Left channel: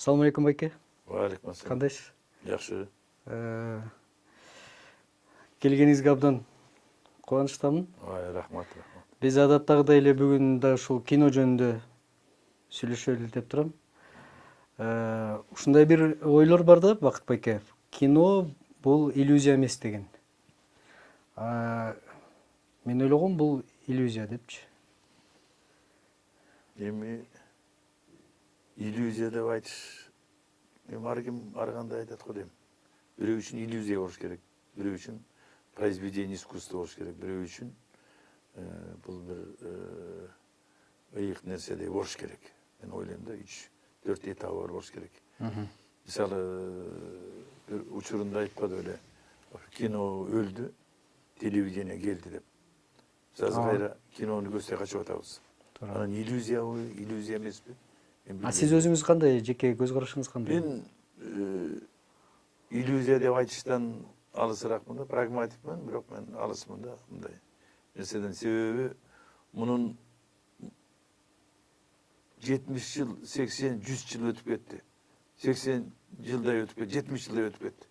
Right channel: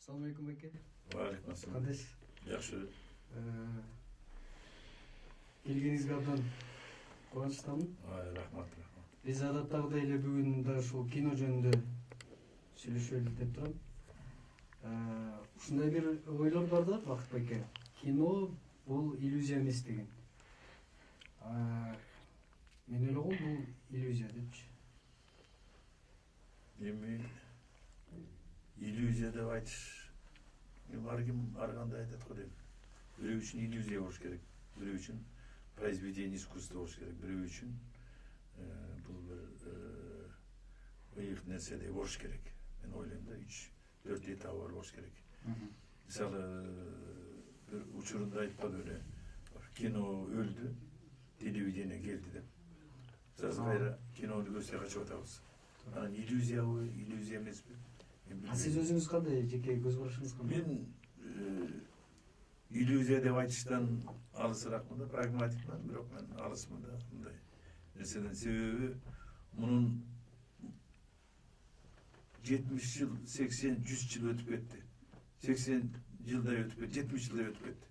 Assalamu alaikum байке. Валейкум ассалам. Кандайсыз? Жакшы. Келгениңизге абдан кубанычтамын. Рахмат. Биз адаттагыдай эле бүгүн да ушул кино жөнүндө сүйлөшөлү деп турам. Ушундай бир ойлор бар да, Бакыт байке. Кино бул иллюзия эмес деген. Мен ойлогом бул иллюзия депчи. Эми иллюзия деп айтыш. Ар ким ар кандай айтат го дейм. Бирөө үчүн иллюзия болуш керек. Бирөө үчүн произведение искусства болуш керек. Бирөө үчүн бул бир ыйык нерседей болуш керек. Мен ойлойм да 3-4 этабы бар болуш керек. Мисалы бир учурунда айтпады беле. Кино өлдү, телевидение келди деп. Азыр кайра кинону көрсөй качып атабыз. Анан иллюзиябы, иллюзия эмеспи? Сиз өзүңүз кандай, жеке көз карашыңыз кандай? Мен иллюзия деп айтыштан алысыракмын да, прагматикмин, бирок мен алысмын да мындай нерседен. Себеби мунун 70 жыл, 80, 100 жыл өтүп кетти. 80 жылдай өтүп кетти, 70 жылдай өтүп кетти.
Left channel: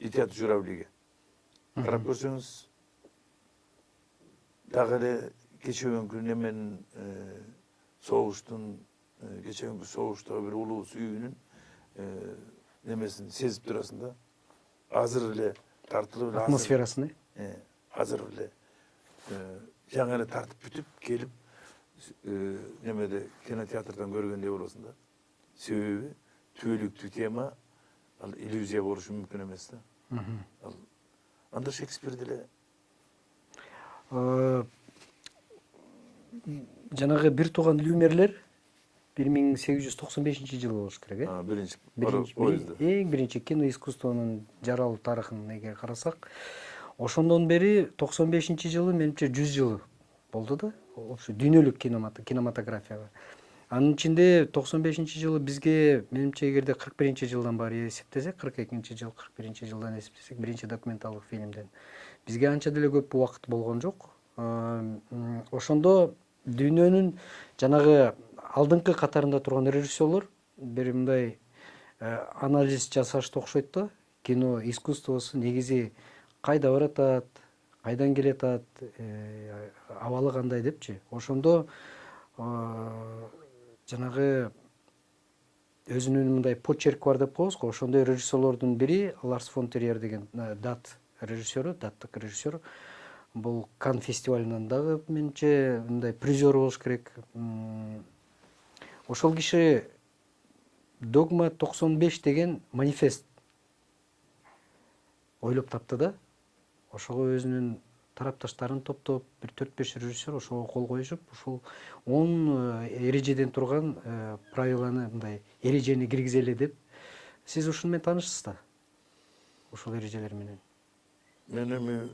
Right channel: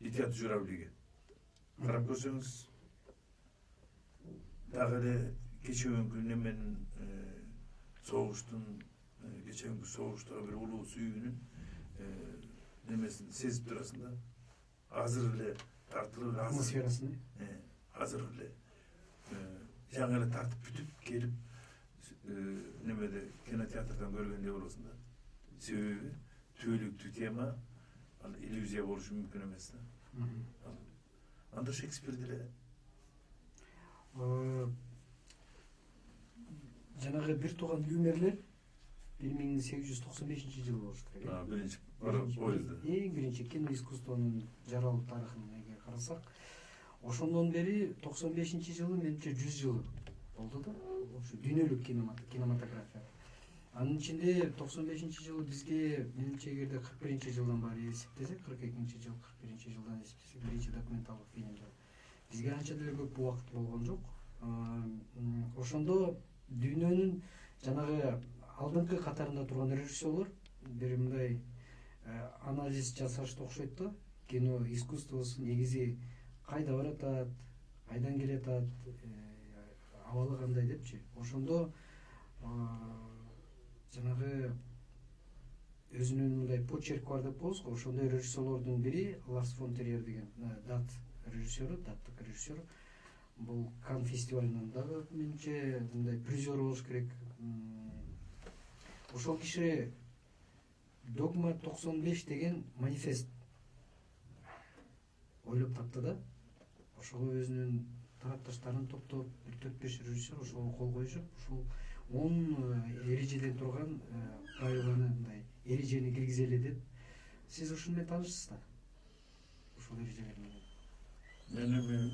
Летят журавлиге. Карап көрсөңүз, дагы эле кечеүнкү неменин согуштун, кечеүнкү согуштагы бир улуу сүйүүнүн немесин сезип турасың да. Азыр эле тартылып эле Атмосферасын, азыр эле жаңы эле тартып бүтүп келип немеде кинотеатрдан көргөндөй болосуң да. Себеби түбөлүктүү тема ал иллюзия болушу мүмкүн эмес да. Анда Шекспир деле жанагы бир тууган Люмерлер 1895-жылы болуш керек, биринчи эң биринчи кино искусствонун жаралуу тарыхын эге карасак, ошондон бери 95-жылы менимче 100 жыл болду да, ошо дүйнөлүк кинематографияга. Анын ичинде 95-жылы бизге менимче эгерде 41-жылдан баары эсептесек, 42-жыл, 41-жылдан эсептесек, биринчи документалдык фильмден бизге анча деле көп убакыт болгон жок. Ошондо дүйнөнүн жанагы алдыңкы катарында турган режиссерлор бир мындай анализ жасашты окшойт да. Кино искусствосу негизи кайда баратат, кайдан келатат, абалы кандай депчи. Ошондо жанагы өзүнүн мындай почерк бар деп коебуз го. Ошондой режиссерлордун бири Ларс фон Триер деген даттык режиссер. Бул Кан фестивалынан дагы менимче мындай призер болуш керек. Ошол киши Догма 95 деген манифест ойлоп тапты да. Ошого өзүнүн тарапташтарын топтоп, бир 4-5 режиссер ошого кол коюшуп, ушул 10 эрежеден турган правиланы, мындай эрежени киргизели деп. Сиз ушуну менен таанышсыз да? Ушул эрежелер менен. Мен эми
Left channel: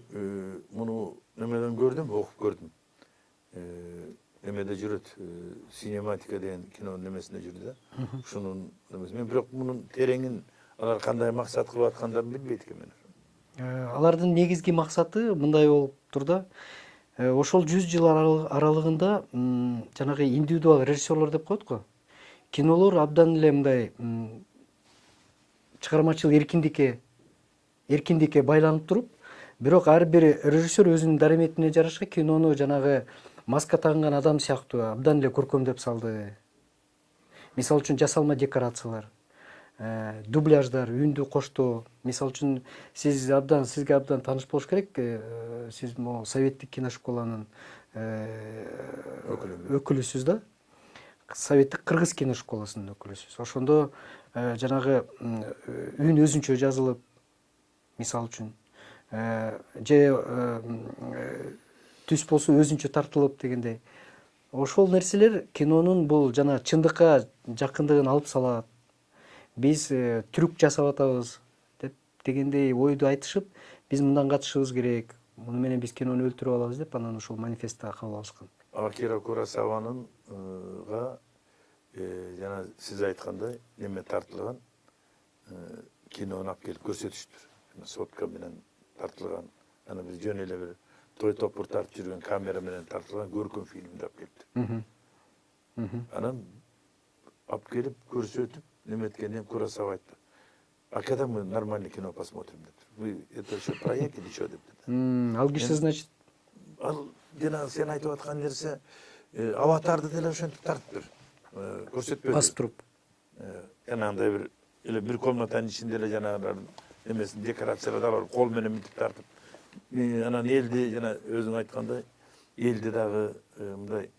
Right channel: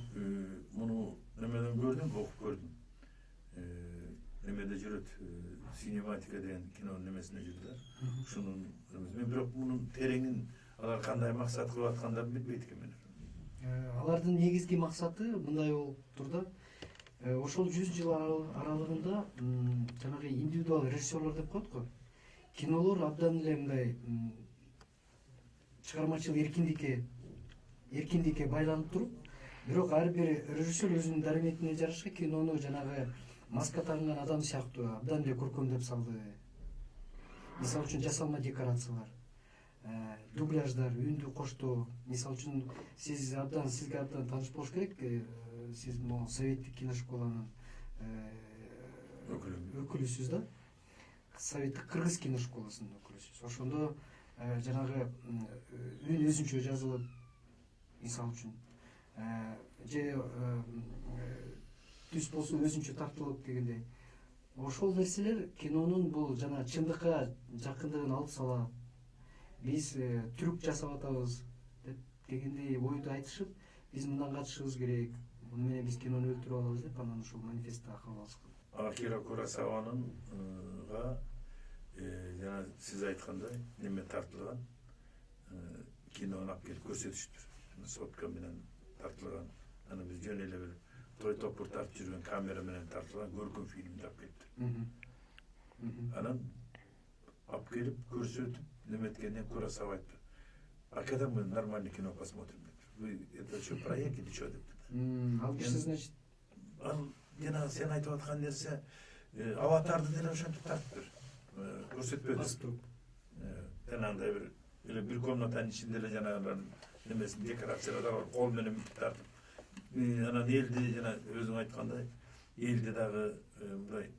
муну немеден көрдүм, окуп көрдүм. Немеде жүрөт, синематика деген кинонун немесинде жүрдү да. Ушунун немеси. Мен бирок мунун тереңин алар кандай максат кылып аткандарын билбейт экенмин. Алардын негизги максаты мындай болуп тур да. Ошол 100 жыл аралыгында жанагы индивидуал режиссерлор деп коет го. Кинолор абдан эле мындай чыгармачыл эркиндикке байланып туруп, бирок ар бир режиссер өзүнүн дараметине жараша кинону жанагы маска тагынган адам сыяктуу абдан эле көркөмдөп салды. Мисалы үчүн жасалма декорациялар, дубляждар, үндү коштоо. Мисалы үчүн сизге абдан тааныш болуш керек. Сиз могу советтик киношколанын өкүлүсүз да. Советтик кыргыз киношколасынын өкүлүсүз. Ошондо жанагы үн өзүнчө жазылып, мисалы үчүн, же түс болсо өзүнчө тартылып дегендей. Ошол нерселер кинонун бул жана чындыкка жакындыгын алып салат. Биз трюк жасап атабыз деп дегендей ойду айтышып, биз мындан качышыбыз керек. Муну менен биз кинону өлтүрүп алабыз деп, анан ушул манифестти кабыл алышкан. Акира Куросаванынга жана сиз айткандай неме тартылган кинону алып келип көрсөтүштүр. Сотка менен тартылган. Анан биз жөн эле бир той топур тартып жүргөн камера менен тартылган көркөм фильмди алып келиптир. Анан алып келип көрсөтүп неме эткенде Куросава айтты. А когда мы нормальное кино посмотрим? Вы это еще проект или что? Ал киши, значит, Ал жана сен айтып аткан нерсе аватарды деле ошентип тартып бир көрсөтпөдү. басып туруп. Жанагындай бир эле бир комнатанын ичинде эле жанагы немесин декорациялар бар, кол менен мынтип тартып. Анан элди жана өзүң айткандай элди дагы мындай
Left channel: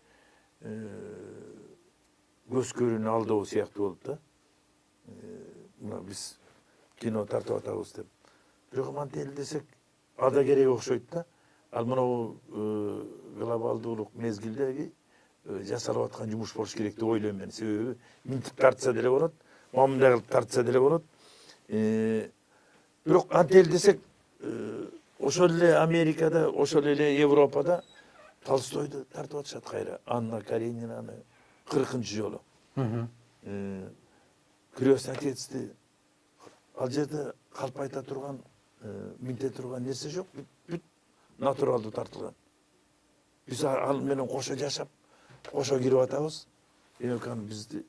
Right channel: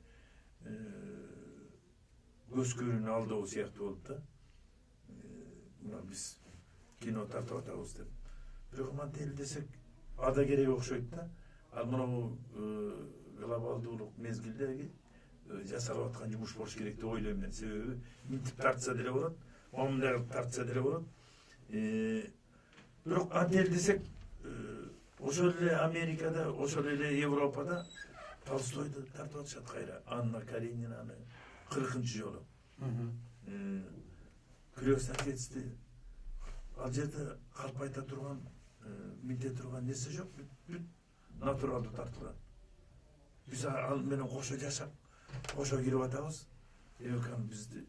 көз көрүүнү алдоо сыяктуу болуп да. Мына биз кино тартып атабыз деп. Бирок мантел десек ада керек окшойт да. Ал мынау глобалдуулук мезгилдеги жасалып аткан жумуш болуш керек деп ойлойм мен. Себеби мынтип тартса деле болот, мындай кылып тартса деле болот. Бирок антел десек ошол эле Америкада, ошол эле Европада Толстойду тартып атышат кайра. Анна Каренинаны 40-нчы жолу. Крестный отецти ал жерде калп айта турган, минте турган нерсе жок. Бүт натуралдуу тартылган. Биз ал менен кошо жашап, кошо кирип атабыз. Демек бизди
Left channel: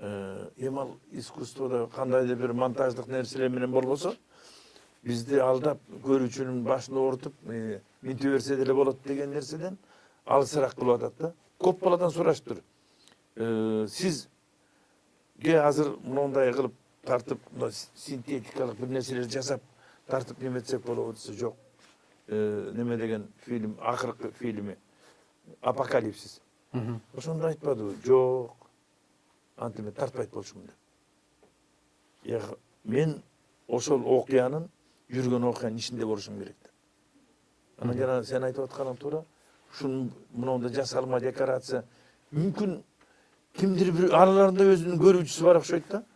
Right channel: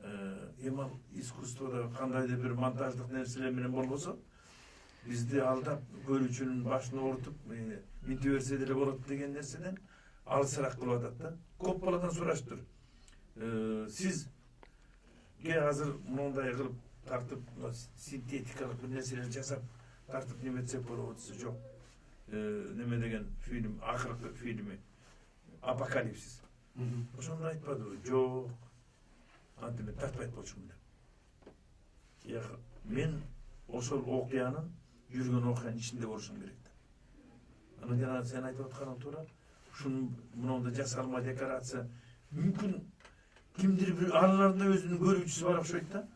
ал искусствода кандайдыр бир монтаждык нерселер менен болбосо, бизди алдап көрүүчүнүн башын оорутуп, минте берсе деле болот деген нерседен алысыраак кылып атат да. Көп баладан сурашыптыр. Сизге азыр мындай кылып тартып, синтетикалык бир нерселер жасап тартып неметсек болобу десе жок. Неме деген фильм, акыркы фильми Апокалипсис. Ошондо айтпадыбы? Жок. Антимен тартпайт болчумун деп. Мен ошол окуянын жүргөн окуянын ичинде болушум керек деп. Анан жана сен айтып атканың туура. Ушун мындай жасалма декорация мүмкүн кимдир бир араларында өзүнүн көрүүчүсү бар окшойт да.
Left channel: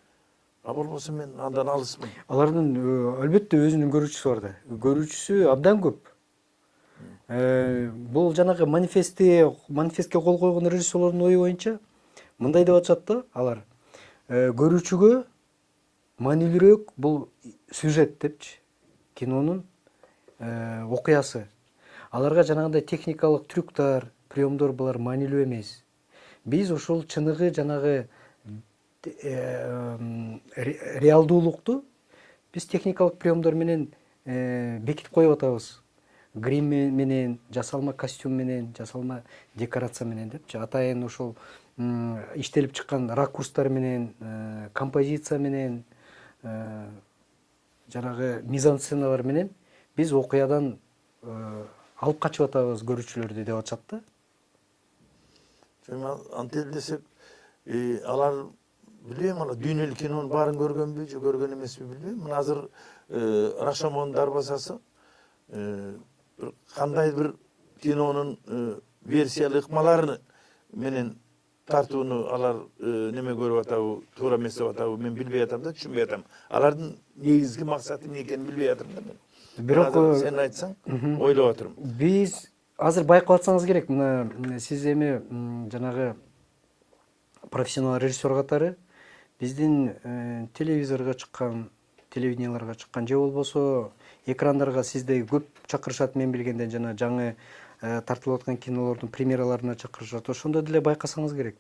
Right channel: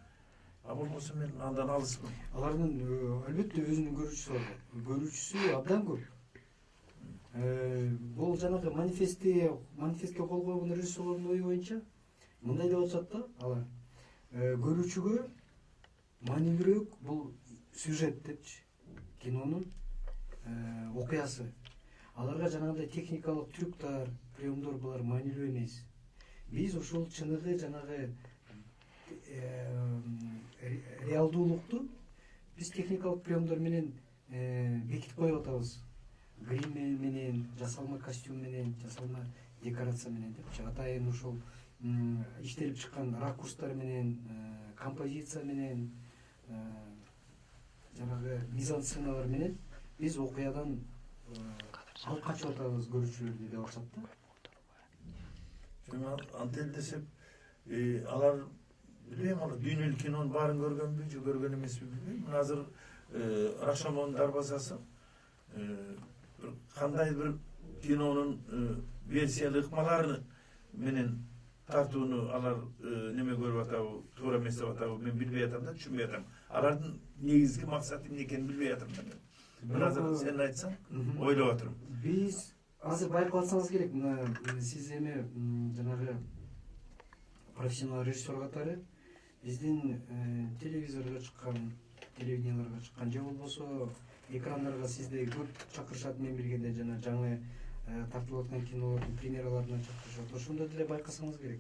А болбосо мен андан алысмын. Алардын албетте өзүнүн көрүүчүсү бар да. Көрүүчүсү абдан көп. Бул жанагы манифестке кол койгон режиссерлордун ою боюнча мындай деп атышат да алар. Көрүүчүгө маанилүүрөөк бул сюжет депчи. Кинонун окуясы. Аларга жанагындай техникалык трюктар, приемдор булар маанилүү эмес. Биз ошол чыныгы жанагы реалдуулукту биз техникалык приемдор менен бекитип коюп атабыз. Грим менен, жасалма костюм менен, жасалма декорация менен депчи. Атайын ошол иштелип чыккан ракурстар менен, композиция менен, жанагы мизансценалар менен биз окуядан алып качып атабыз көрүүчүлөрдү деп атышат да. Антел десек, алар билбейм, ана дүйнөлүк кинонун баарын көргөнбү же көргөн эмеспи билбейм. Мына азыр Рашомон дарбазасы кандай бир кинонун версиялык ыкмалары менен тартууну алар неме көрүп атабы, туура эмес деп атабы, мен билбей атам да, түшүнбөй атам. Алардын негизги максаты эмне экенин билбей атам да мен. Бирок сен айтсаң, ойлоп отурум. Биз азыр байкап атсаңыз керек, мына сиз эми жанагы профессионал режиссер катары биздин телевизорго чыккан, телевиденияларга чыккан же болбосо экрандарга сизди көп чакырышат, мен билгенден жана жаңы тартылып аткан кинолордун премьераларына чакырышат. Ошондо деле байкасаңыз керек.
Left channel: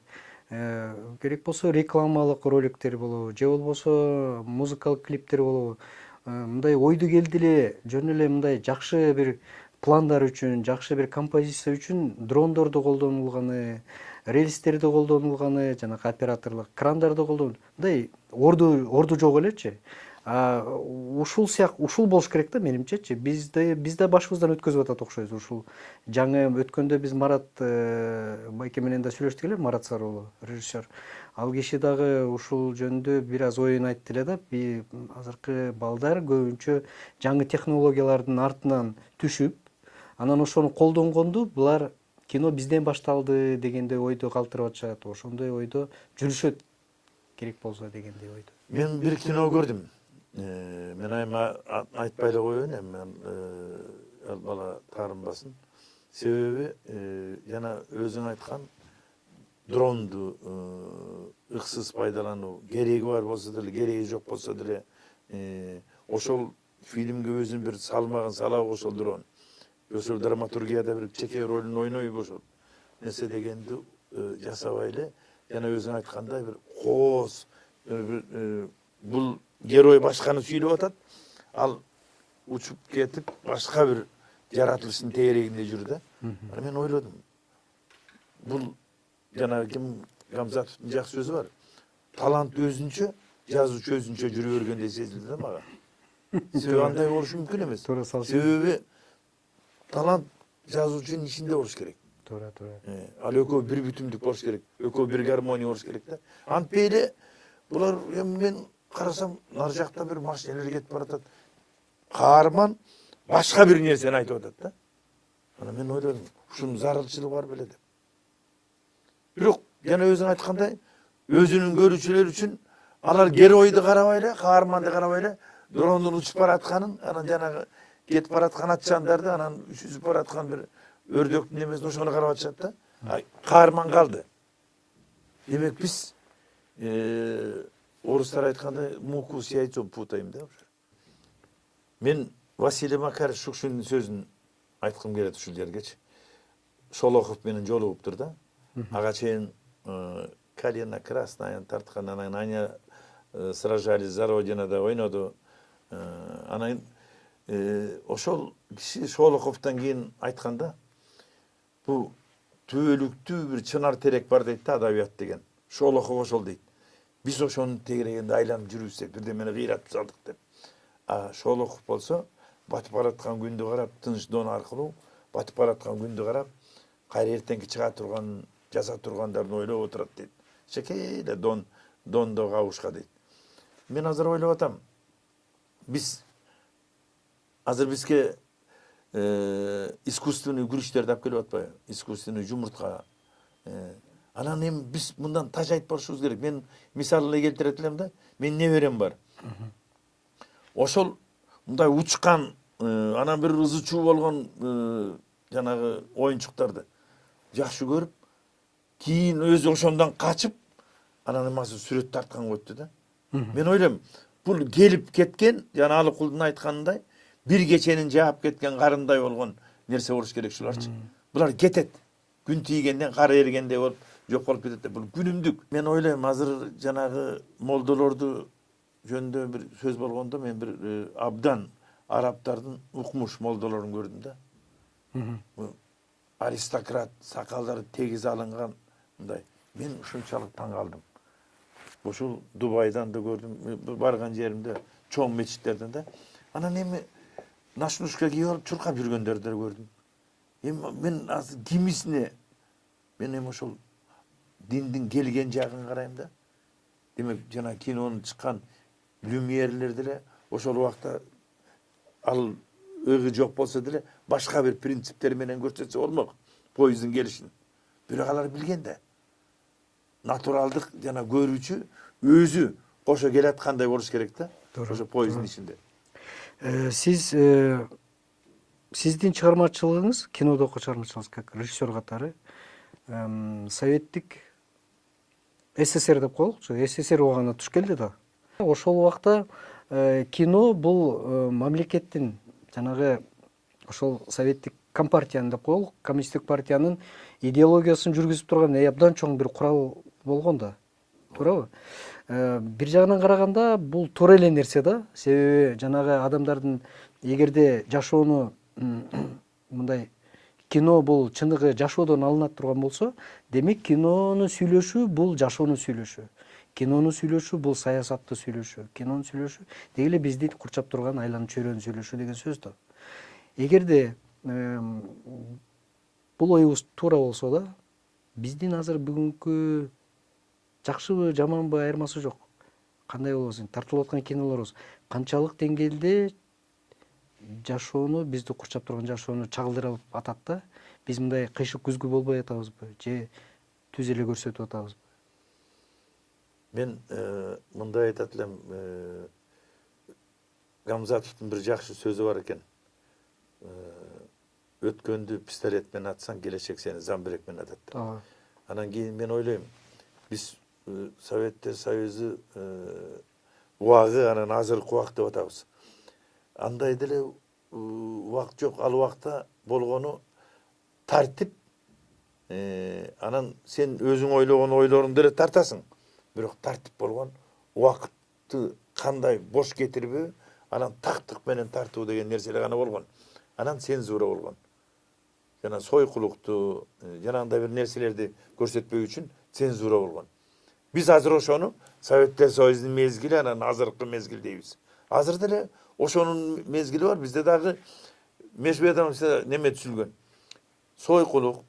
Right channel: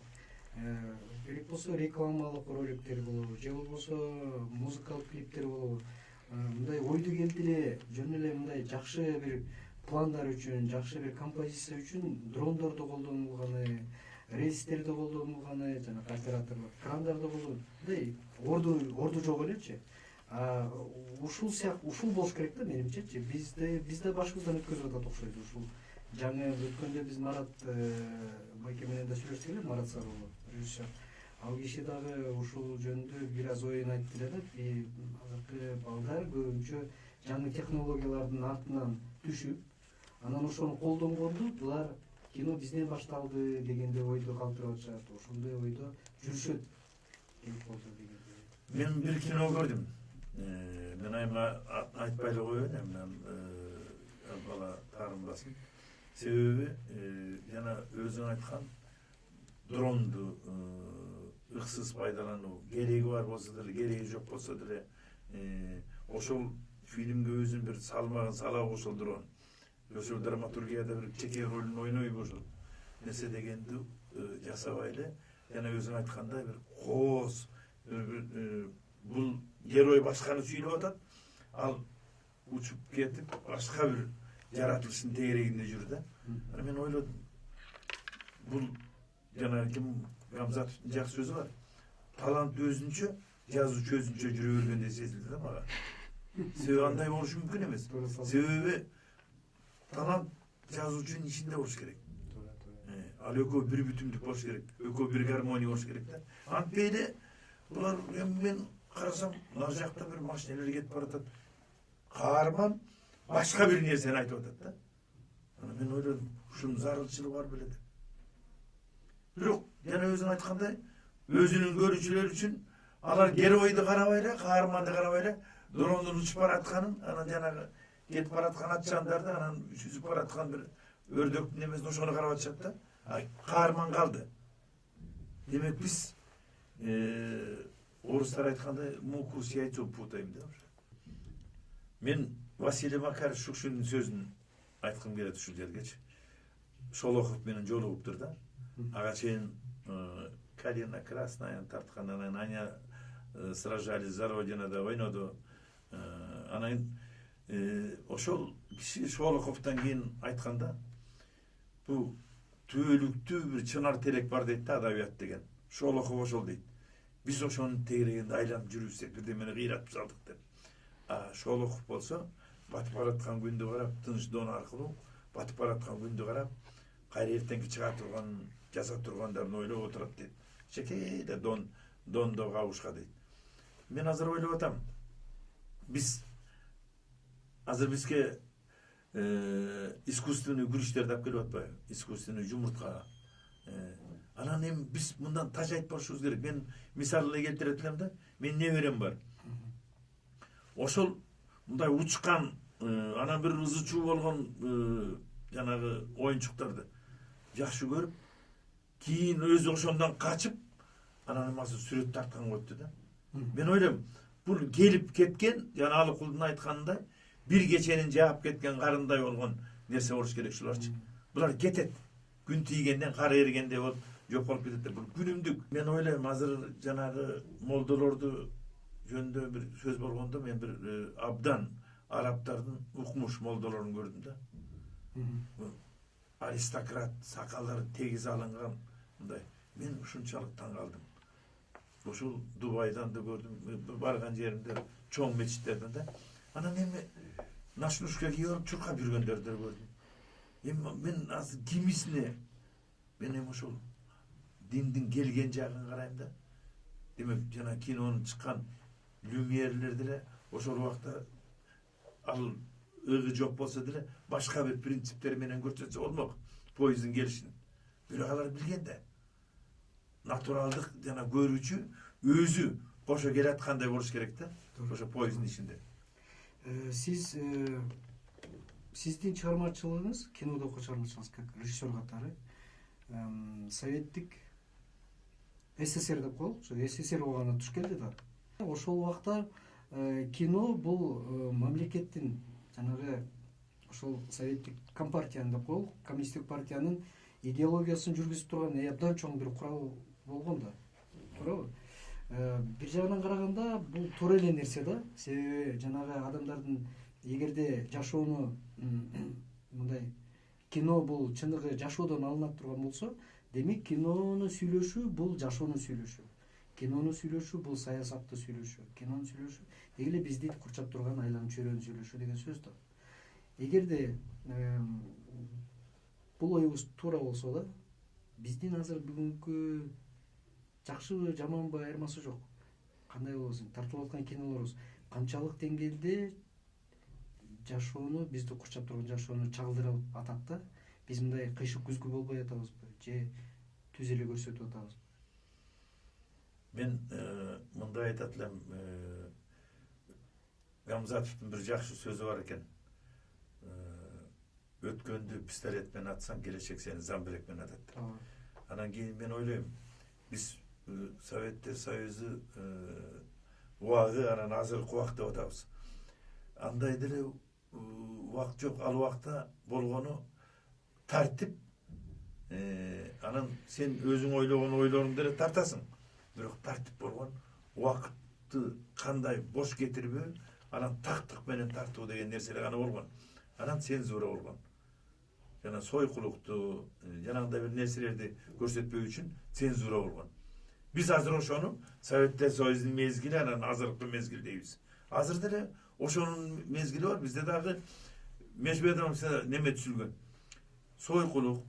Керек болсо рекламалык роликтер болобу, же болбосо музыкалык клиптер болобу. Мындай ойду келди эле, жөн эле мындай жакшы бир пландар үчүн, жакшы бир композиция үчүн дрондорду колдонулганы, рельстерди колдонулганы, жанагы операторлук крандарды колдонуу. Мындай орду жок элечи. Ушул болуш керек да менимчечи. Биз да башыбыздан өткөзүп атат окшойт. Ушул жаңы өткөндө биз Марат байке менен да сүйлөштүк эле, Марат Сарыуулу режиссер. Ал киши дагы ушул жөнүндө бир аз оюн айтты эле да. Азыркы балдар көбүнчө жаңы технологиялардын артынан түшүп, анан ошону колдонгонду булар кино бизден башталды дегендей ойду калтырып атышат. Ошондой ойдо жүрүшөт керек болсо дегендей ойдо. Мен бир кино көрдүм. Мен айма айтпай эле коеюн, мен бала таарынбасын. Себеби жана өзүң айткан дронду ыксыз пайдалануу кереги бар болсо деле, кереги жок болсо деле ошол фильмге өзүнүн бир салмагын салабы ошол дрон. Ошол драматургияда бир чеке ролун ойнойбу ошол нерсе дегенди жасабай эле, жана өзүң айткандай бир кооз бул герой башканы сүйлөп атат, ал учуп кетип башка бир жаратылыштын тегерегинде жүр да. Ана мен ойлодум. Бул жана ким Гамзатовдун жакшы сөзү бар. Талант өзүнчө, жазуучу өзүнчө жүрө бергенде сезилди да мага. Себеби андай болушу мүмкүн эмес. Себеби талант жазуучунун ичинде болуш керек. Туура. Ал экөө бир бүтүмдүк болуш керек. Экөө бир гармония болуш керек да. Антпей эле булар мен карасам нар жакта бир машиналар кетип баратат. Каарман башка бир нерсени айтып атат да. Ана мен ойлодум, ушунун зарылчылыгы бар беле деп. Бирок жана өзүң айткандай, өзүнүн көрүүчүлөр үчүн алар геройду карабай эле, каарманды карабай эле, дрондун учуп баратканын, анан жанагы кетип бараткан атчандарды, анан сүзүп бараткан бир өрдөктүн немесин ошону карап атышат да. Каарман калды. Демек биз орустар айткандай муку с яйцом путаем да. Мен Василий Макаров Шукшиндин сөзүн айткым келет ушул жергечи. Шолохов менен жолугуптур да. Ага чейин Калина Красная тарткан, анан Аня сражались за Родину ойноду. Анан ошол киши Шолоховдон кийин айтканда, бул түбөлүктүү бир чынар терек бар дейт да адабият деген. Шолохов ошол дейт. Биз ошонун тегерегинде айланып жүрүпсек, бирдемени кыйратып салдык деп. Шолохов болсо батып бараткан күндү карап, тыныч дон аркылуу батып бараткан күндү карап, кайра эртеңки чыга турган, жаза тургандарын ойлоп отурат дейт. Чекейле дондо кабышка дейт. Мен азыр ойлоп атам. Биз азыр бизге искусственный күрүчтөрдү алып келип атпайбы? Искусственный жумуртка. Анан эми биз мындан тажайып барышыбыз керек. Мен мисал эле келтире элем да. Мен неберем бар. Ошол мындай учкан, анан бир ызы чуу болгон жанагы оюнчуктарды жакшы көрүп, кийин өзү ошондон качып, анан эмасы сүрөт тартканга өттү да. Мен ойлойм, бул келип кеткен, жана Алыкулдун айтканындай, бир кеченин жаап кеткен карындай болгон нерсе болуш керек шуларчы. Булар кетет. Күн тийгенден кар эригендей болуп жок болуп кетет. Бул күнүмдүк. Мен ойлойм, азыр жанагы молдолорду жөнүндө бир сөз болгондо мен бир абдан араптардын укмуш молдолорун көрдүм да. Аристократ, сакалдары тегиз алынган мындай. Мен ушунчалык таң калдым. Ошол Дубайдан да көрдүм, барган жеримде чоң мечиттерден да. Анан эми нашлушка кийип алып чуркап жүргөндөрдү да көрдүм. Эми мен азыр кимисине мен эми ошол диндин келген жагын карайм да. Демек жана кинонун чыккан люмьерлер деле ошол убакта ал өйгө жок болсо деле башка бир принциптер менен көрсөтсө болмок поезддин келишин. Бирок алар билген да. Натуралдык жана көрүүчү өзү кошо келаткандай болуш керек да. Ошо поезддин ичинде. Сиздин чыгармачылыгыңыз, кинодогу чыгармачылыгыңыз как режиссер катары советтик СССР деп коелучу, СССР убагына туш келди да. Ошол убакта кино бул мамлекеттин жанагы ошол советтик компартиянын деп коелук, коммунисттик партиянын идеологиясын жүргүзүп турган абдан чоң бир курал болгон да. Туурабы? Бир жагынан караганда бул туура эле нерсе да. Себеби жанагы адамдардын эгерде жашоону мындай кино бул чындыгы жашоодон алынат турган болсо, демек кинонун сүйлөшү бул жашоонун сүйлөшү. Кинонун сүйлөшү бул саясатты сүйлөшү. Кинонун сүйлөшү деги эле бизди курчап турган айланып чөйрөнүн сүйлөшү деген сөз да. Эгерде бул оюбуз туура болсо да, биздин азыр бүгүнкү жакшыбы, жаманбы айырмасы жок. Кандай болбосун, тартылып аткан кинолорубуз канчалык деңгээлде жашоону, бизди курчап турган жашоону чагылдырып атат да. Биз мындай кыйшык күзгү болбой атабызбы, же түз эле көрсөтүп атабызбы? Мен мындай айтат элем, Гамзатовдун бир жакшы сөзү бар экен. Өткөндү пистолет менен атсаң, келечек сени замбирек менен атат. Анан кийин мен ойлойм, биз Советтер Союзу убагы, анан азыркы убак деп атабыз. Андай деле убак жок, ал убакта болгону тартип, анан сен өзүң ойлогон ойлоруңду деле тартасың. Бирок тартип болгон, убакытты кандай бош кетирбөө, анан тактык менен тартуу деген нерселер гана болгон. Анан цензура болгон. Жана сойкулукту, жанагындай бир нерселерди көрсөтпөө үчүн цензура болгон. Биз азыр ошону Советтер Союзунун мезгили, анан азыркы мезгил дейбиз. Азыр деле ошонун мезгили бар. Бизде дагы межбедам неме түзүлгөн. Сойкулук,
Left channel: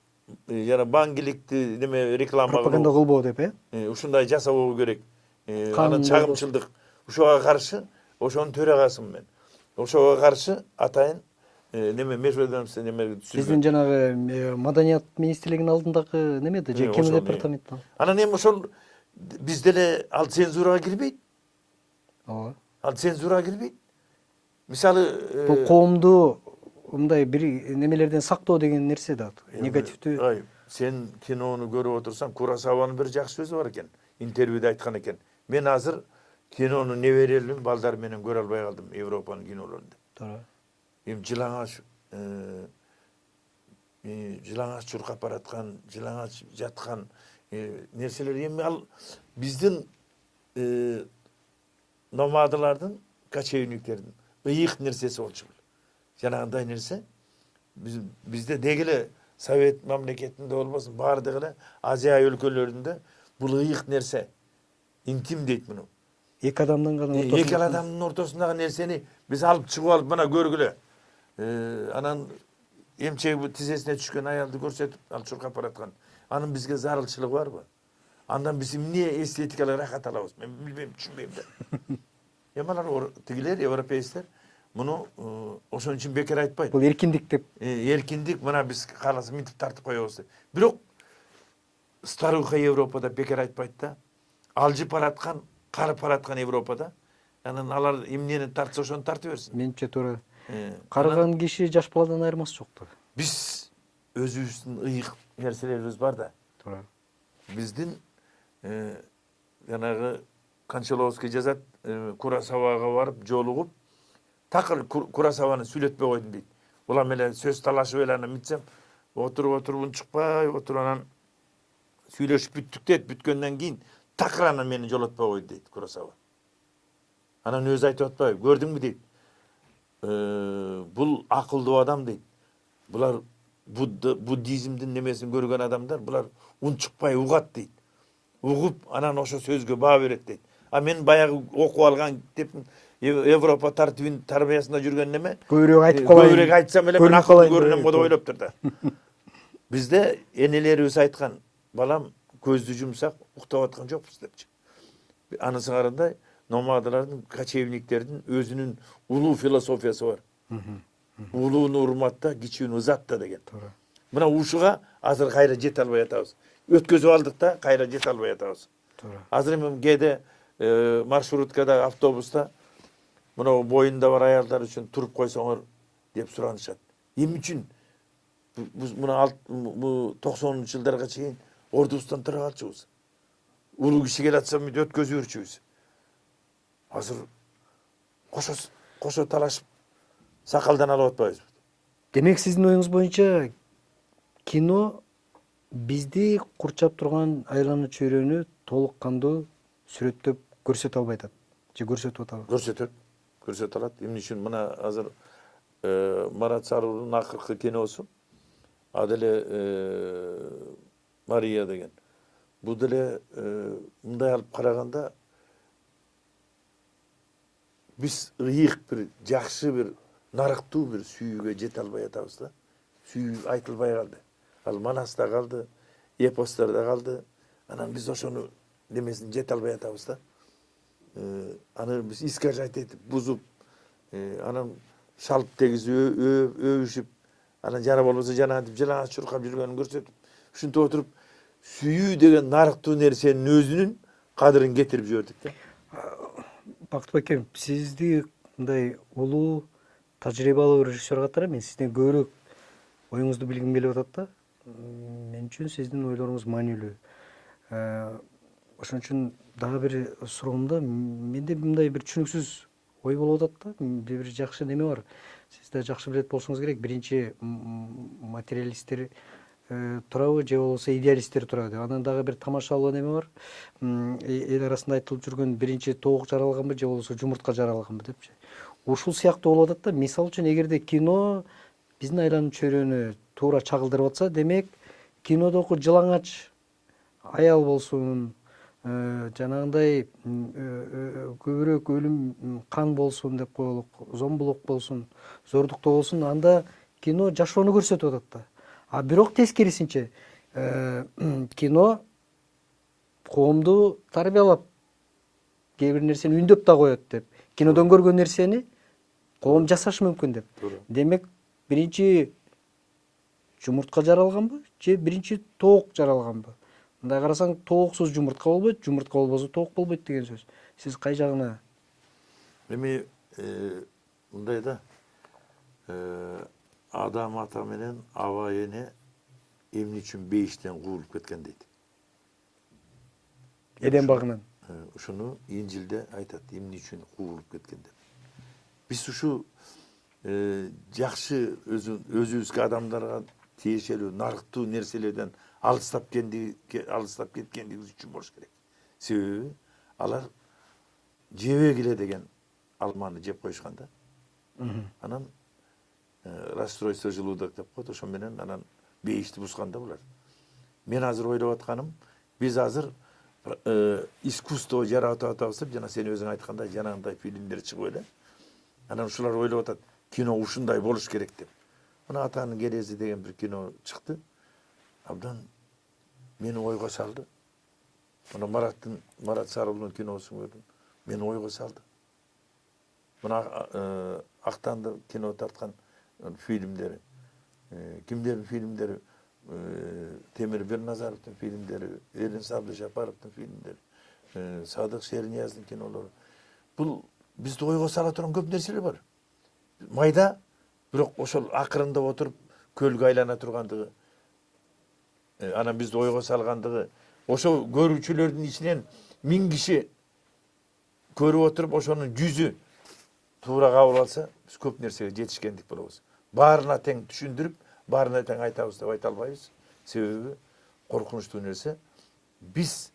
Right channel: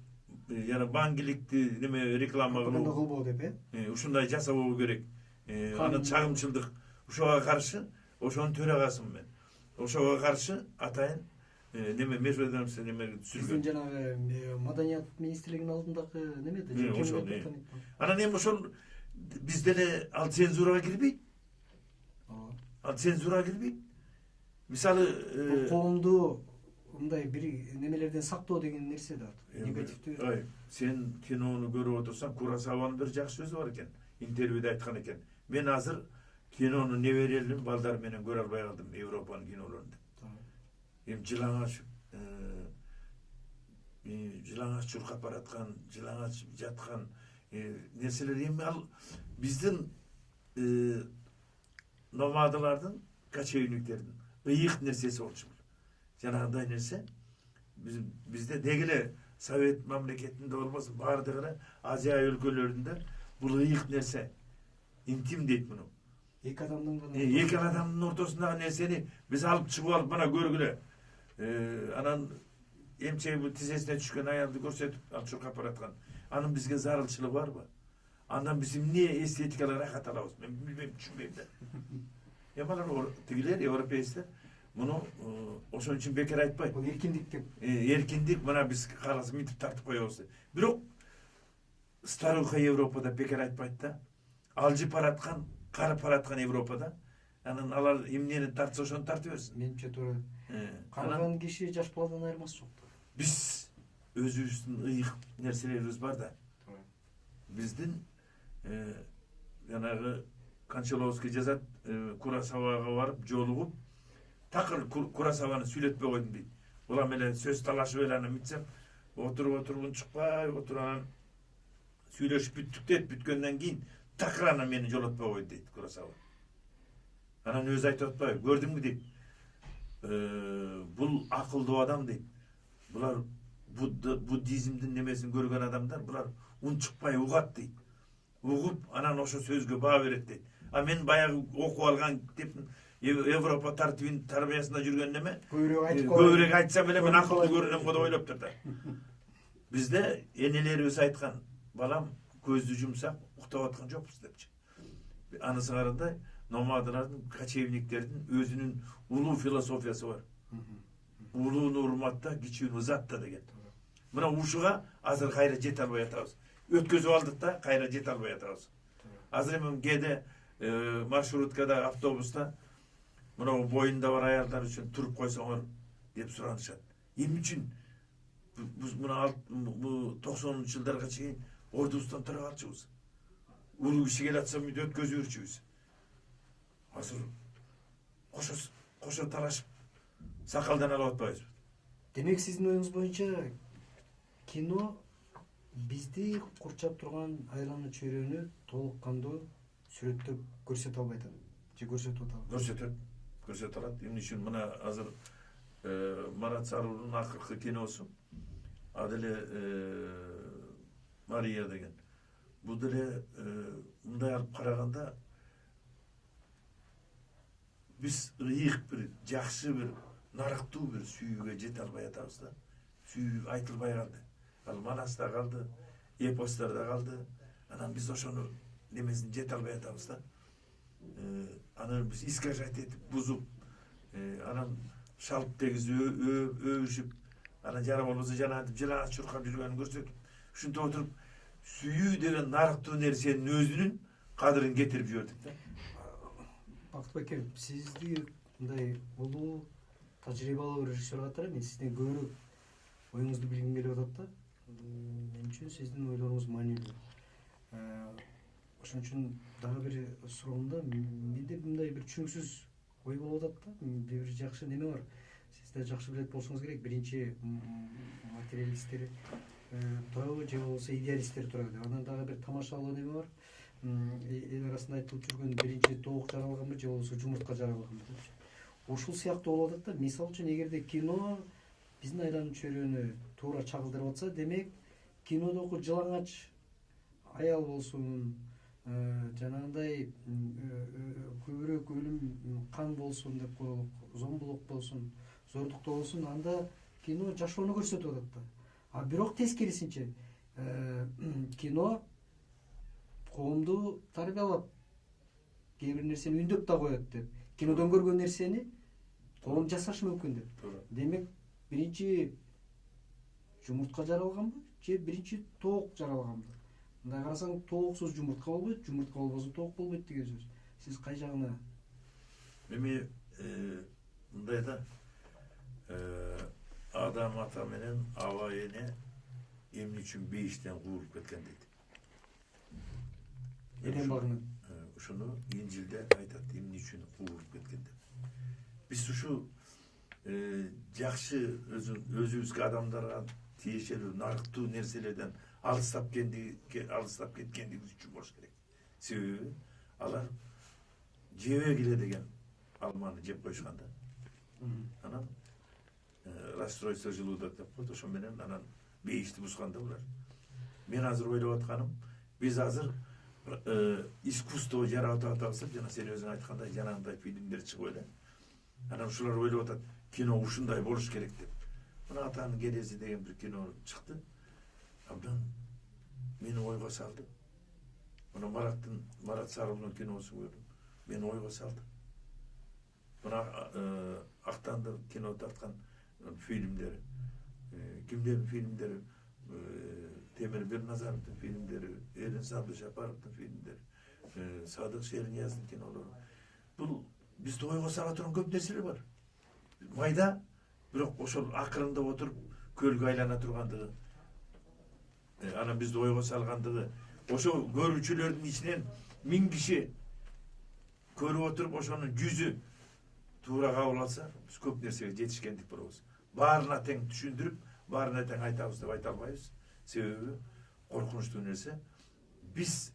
жана баңгиликти неме реклама пропаганда кылбоо деп, ушундай жасабоо керек. Канун Анан чагымчылдык. Ошого каршы, ошонун төрагасымын мен. Ошого каршы атайын неме межбедамство неме түзүлгөн. Биздин жанагы маданият министрлигинин алдындагы немеде же кино департаменттен. Анан эми ошол биз деле ал цензурага кирбейт. Ооба. Ал цензурага кирбейт. Мисалы Бул коомду мындай бир немелерден сактоо деген нерсе да. Негативдүү. Сен кинону көрүп отурсаң, Курасаванын бир жакшы сөзү бар экен. Интервьюда айткан экен. Мен азыр кинону неберелим балдар менен көрө албай калдым Европанын кинолорун деп. Туура. Эми жылаңач чуркап бараткан, жылаңач жаткан нерселер эми ал биздин номадылардын, кочевниктердин ыйык нерсеси болчу. Жанагындай нерсе бизде дегеле Совет мамлекетинде болбосун, баардыгы эле Азия өлкөлөрүндө бул ыйык нерсе. Интим дейт муну. Эки адамдын гана ортосунда. Эки адамдын ортосундагы нерсени биз алып чыгып алып мына көргүлө. Анан эмчеги бу тизесине түшкөн аялды көрсөтүп, ал чуркап бараткан. Анын бизге зарылчылыгы барбы? Андан биз эмне эстетикалык рахат алабыз? Мен билбейм, түшүнбөйм да. Эми алар тигилер, европейцтер муну ошон үчүн бекер айтпайт. Бул эркиндик деп. Эркиндик, мына биз кааласа мынтип тартып коебуз деп. Бирок старуха Европада бекер айтпайт да. Алжып бараткан, карып бараткан Европада, анан алар эмнени тартса ошону тарта берсин. Менимче туура. Карыган киши жаш баладан айырмасы жок да. Биз өзүбүздүн ыйык нерселерибиз бар да. Туура. Биздин жанагы Кончаловский жазат, Курасавага барып жолугуп, такыр Курасаваны сүйлөтпөй койдум дейт. Улам эле сөз талашып эле анан митсем, отуруп унчукпай отуруп анан сүйлөшүп бүттүк дейт. Бүткөндөн кийин такыр анан мени жолотпой койду дейт Курасава. Анан өзү айтып атпайбы, көрдүңбү дейт. Бул акылдуу адам дейт. Булар буддизмдин немесин көргөн адамдар, булар унчукпай угат дейт. Угуп, анан ошо сөзгө баа берет дейт. А мен баягы окуп алган деп Европа тарбиясында жүргөн неме? Көбүрөөк айтып калайын. Көбүрөөк айтсам эле мен акылдуу көрүнөм го деп ойлоптур да. Бизде энелерибиз айткан, балам көздү жумсак уктап аткан жокпуз депчи. Анысы карандай номадалардын, кочевниктердин өзүнүн улуу философиясы бар. Улууну урматта, кичүүнү ызатта деген. Мына ушуга азыр кайра жете албай атабыз. Өткөзүп алдык да, кайра жете албай атабыз. Азыр эми кээде маршруткада, автобуста мына боюнда бар аялдар үчүн туруп койсоңор деп суранышат. Эмне үчүн? Мына 90-жылдарга чейин ордубуздан тура калчубуз. Улуу киши келатса мынтип өткөзүп жүрчүбүз. Азыр кошо талашып сакалдан алып атпайбызбы? Демек сиздин оюңуз боюнча кино бизди курчап турган айлана чөйрөнү толук кандуу сүрөттөп көрсөтө албай атат. Же көрсөтүп атабы? Көрсөтө алат. Эмне үчүн мына азыр Марат Сарылдын акыркы киносу аделе Мария деген. Бул деле мындай алып караганда биз ыйык бир жакшы бир нарыктуу бир сүйүүгө жете албай атабыз да. Сүйүү айтылбай калды. Ал Манаста калды, эпостарда калды. Анан биз ошону немесин жете албай атабыз да. Аны биз искажать этип, бузуп, анан шалып дегизип, өбүшүп, анан жана болбосо жанагынтип жылаңач чуркап жүргөнүн көрсөтүп, ушинтип отуруп сүйүү деген нарыктуу нерсенин өзүнүн кадырын кетирип жибердик да. Бактыбек аке, сизди мындай улуу тажрыйбалуу режиссер катары мен сизден көбүрөөк оюңузду билгим келип атат да. Мен үчүн сиздин ойлоруңуз маанилүү. Ошон үчүн дагы бир суроомда менде мындай бир түшүнүксүз ой болуп атат да. Бир жакшы неме бар. Сиз да жакшы билет болсоңуз керек. Биринчи материалисттер турабы же болбосо идеалисттер турабы деп. Анан дагы бир тамашалуу неме бар. Эл арасында айтылып жүргөн биринчи тоок жаралганбы же болбосо жумуртка жаралганбы депчи. Ушул сыяктуу болуп атат да. Мисалы үчүн эгерде кино биздин айланып чөйрөнү туура чагылдырып атса, демек кинодогу жылаңач аял болсун, жанагындай көбүрөөк өлүм, кан болсун деп коелук, зомбулук болсун, зордуктоо болсун, анда кино жашоону көрсөтүп атат да. А бирок тескерисинче кино коомду тарбиялап, кээ бир нерсени үндөп да коет деп. Кинодон көргөн нерсени коом жасашы мүмкүн деп. Демек биринчи жумуртка жаралганбы же биринчи тоок жаралганбы? Мындай карасаң, тооксуз жумуртка болбойт, жумуртка болбосо тоок болбойт деген сөз. Сиз кай жагына? Эми мындай да, адам ата менен аба эне эмне үчүн бейиштен куулуп кеткен дейт. Эдем багынан. Ушуну Инжилде айтат, эмне үчүн куулуп кеткен деп. Биз ушу жакшы өзүбүзгө адамдарга тиешелүү нарыктуу нерселерден алыстап кеткендигибиз үчүн болуш керек. Себеби алар жебегиле деген алманы жеп коюшкан да. Анан расстройство желудок деп коет, ошо менен анан бейишти бузган да булар. Мен азыр ойлоп атканым, биз азыр искусство жаратып атабыз, жана сен өзүң айткандай жанагындай фильмдер чыгып эле. Анан ушулар ойлоп атат, кино ушундай болуш керек деп. Мына Атанын келези деген бир кино чыкты. Абдан мени ойго салды. Мына Марат Сарылдын киносун көрдүм. Мени ойго салды. Мына Актанды кино тарткан фильмдери, кимдердин фильмдери, Темир Берназаровдун фильмдери, Эрин Сабды-Жапаровдун фильмдери, Садык Шернияздын кинолору. Бул бизди ойго сала турган көп нерселер бар. Майда, бирок ошол акырындап отуруп көлгө айлана тургандыгы, анан бизди ойго салгандыгы, ошо көрүүчүлөрдүн ичинен 1000 киши көрүп отуруп ошонун 100ү туура кабыл алса, биз көп нерсеге жетишкендик болобуз. Баарына тең түшүндүрүп, баарына тең айтабыз деп айта албайбыз. Себеби коркунучтуу нерсе, биз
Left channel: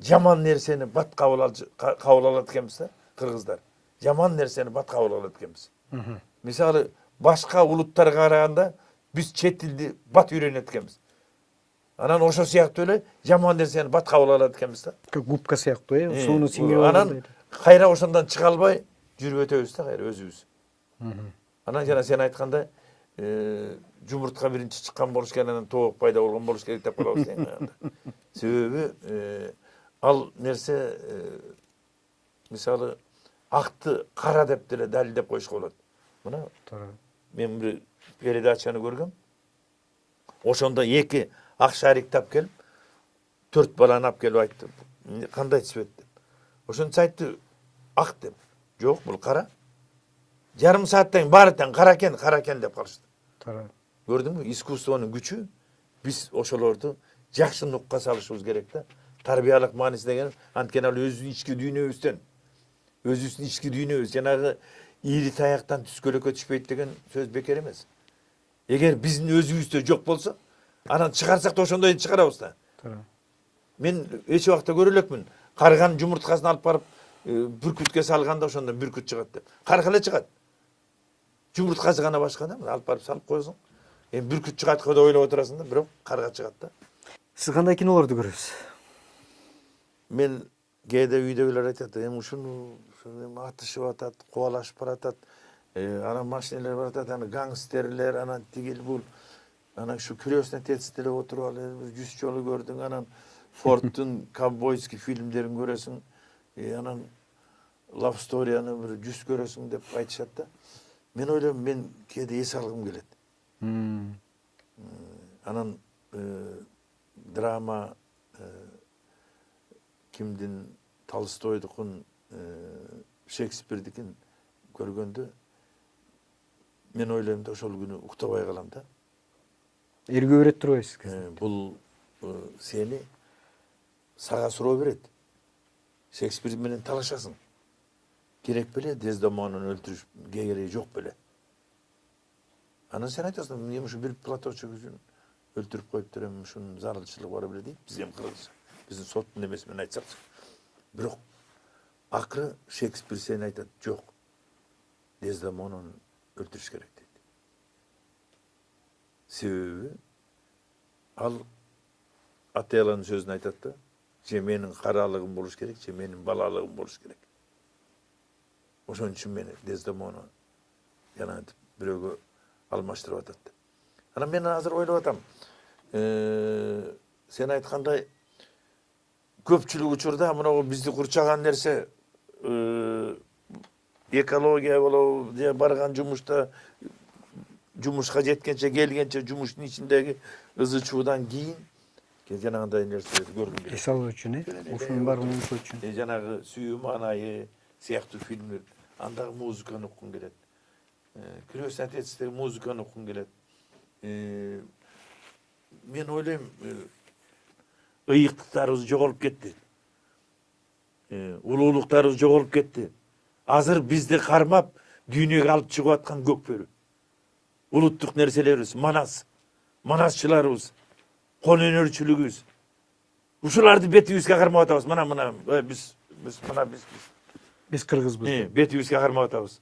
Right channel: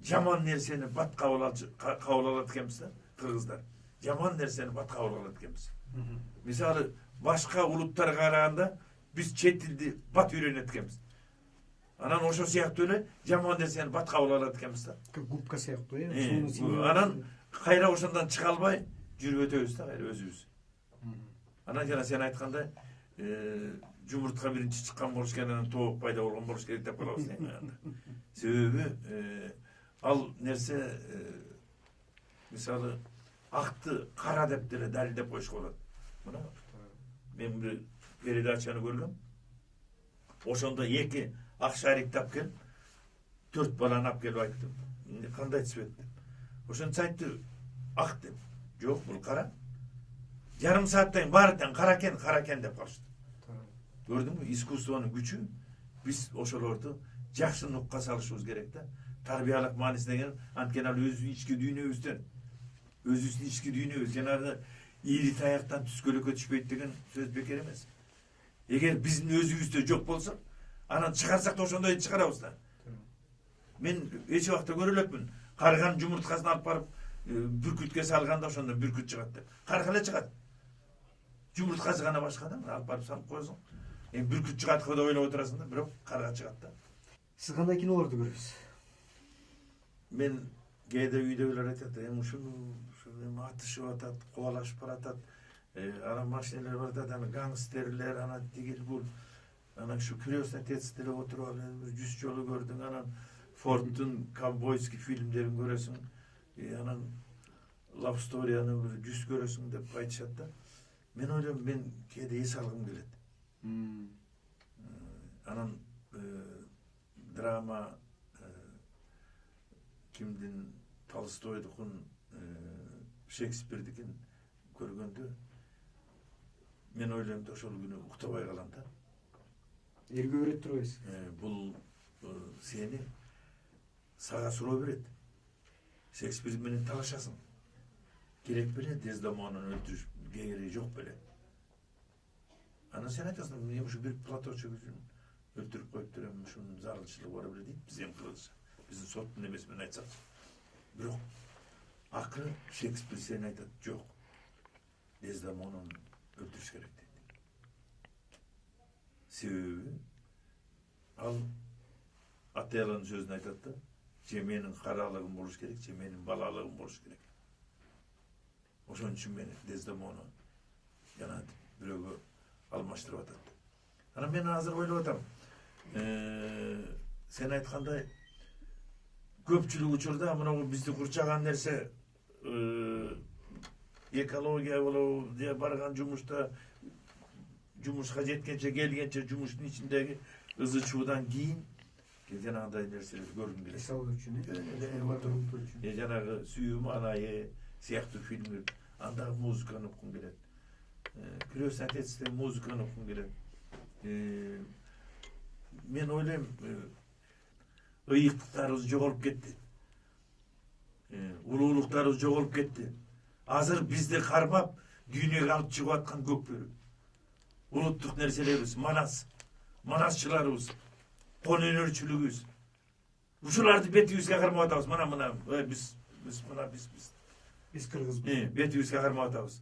жаман нерсени бат кабыл алат экенбиз да, кыргыздар. Жаман нерсени бат кабыл алат экенбиз. Мисалы, башка улуттарга караганда биз чет тилди бат үйрөнөт экенбиз. Анан ошо сыяктуу эле жаман нерсени бат кабыл алат экенбиз да. Губка сыяктуу, сууну сиңирип анан кайра ошондон чыга албай жүрүп өтөбүз да, кайра өзүбүз. Анан жана сен айткандай, жумуртка биринчи чыккан болуш керек, анан тоок пайда болгон болуш керек деп коебуз. Себеби ал нерсе мисалы акты кара деп деле далилдеп коюшка болот. Мына мен бир передачаны көргөм. Ошондо эки ак шарикти алып келип, 4 баланы алып келип айтты. Кандай цвет деп. Ошону айтты ак деп. Жок, бул кара. Жарым сааттан баары тең кара экен деп калышты. Көрдүңбү? Искусствонун күчү. Биз ошолорду жакшы нукка салышыбыз керек да. Тарбиялык мааниси деген анткени ал өзүнүн ички дүйнөбүз, жанагы ийри таяктан түскөлөккө түшпөйт деген сөз бекер эмес. Эгер биздин өзүбүздө жок болсо, анан чыгарсак да ошондой чыгарабыз да. Мен эч убакта көрө элекмин. Карган жумурткасын алып барып бүркүткө салганда ошондон бүркүт чыгат деп. Карга эле чыгат. Жумурткасы гана башка да, алып барып салып коесуң. Бүркүт чыгат деп ойлоп отурасың да, бирок карга чыгат да. Сиз кандай кинолорду көрөсүз? Мен кээде үйдөгүлөр айтат, ушуну атышып атат, кубалашып баратат. Анан машиналар баратат, анан гангстерлер, анан тигил бул. Анан ушу крестный отец деле отуруп алып 100 жолу көрдүң, анан Фордтун ковбойский фильмдерин көрөсүң, анан Love Story'ны бир 100 көрөсүң деп айтышат да. Мен ойлойм, мен кээде эс алгым келет. Анан драма кимдин, Толстойдукун, Шекспирдикин көргөндө мен ойлойм да ошол күнү уктабай калам да. Эргө берет турбайсыз? Бул сени сага суроо берет. Шекспир менен талашасың. Керек беле Дездемонаны өлтүрүш, кереги жок беле. Анан сен айтасың, эмне ушу бир платочок үчүн өлтүрүп коюптур, эми ушунун зарылчылыгы бар беле дейт. Биз эми кыргызча, биздин соттун эмеси менен айтсакчы. Бирок акыры Шекспир сен айтат, жок. Дездемонаны өлтүрүш керек дейт. Себеби ал Отеллонун сөзүн айтат да, же менин каралыгым болуш керек, же менин балалыгым болуш керек. Ошон үчүн мени Дездемона жана бирөөгө алмаштырып атат. Анан мен азыр ойлоп атам. Сен айткандай көпчүлүк учурда мына бизди курчаган нерсе экология болобу, же барган жумушта жумушка жеткенче, келгенче жумуштун ичиндеги ызы чуудан кийин жанагындай нерселерди көргүм келет. Эс алуу үчүн, ушунун баарын угушуу үчүн. Жанагы сүйүү маанайы сыяктуу фильмдер, андагы музыканы уккум келет. Крестный отецтеги музыканы уккум келет. Мен ойлойм, ыйыктыктарыбыз жоголуп кетти. Улуулуктарыбыз жоголуп кетти. Азыр бизди кармап дүйнөгө алып чыгып аткан көкбөрү. Улуттук нерселерибиз, манасчыларыбыз, кол өнөрчүлүгүбүз. Ушуларды бетибизге кармап атабыз. Мына Биз кыргызбыз. Бетибизге кармап атабыз.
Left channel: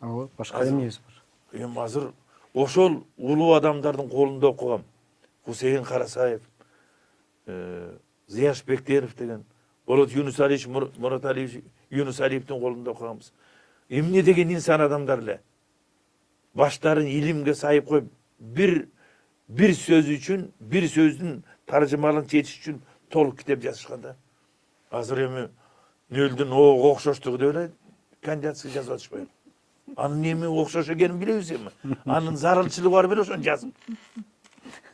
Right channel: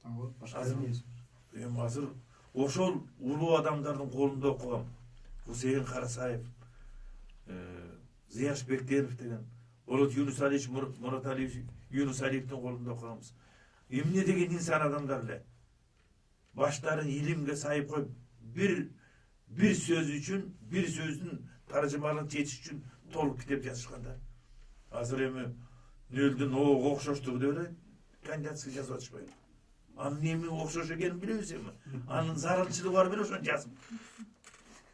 Ооба, башка эмебиз бар. Эми азыр ошол улуу адамдардын колунда окугам. Хусейин Карасаев, Зияш Бектеров деген, Болот Юнусалиевич, Мураталиевич Юнусалиевдин колунда окуганбыз. Эмне деген инсан адамдар эле. Баштарын илимге сайып коюп, бир сөз үчүн, бир сөздүн таржымалын чечиш үчүн толук китеп жазышкан да. Азыр эми нөлдүн ого окшоштугу деп эле кандидатский жазып атышпайбы? Анын эми окшош экенин билебиз эми. Анын зарылчылыгы бар беле ошону жазып.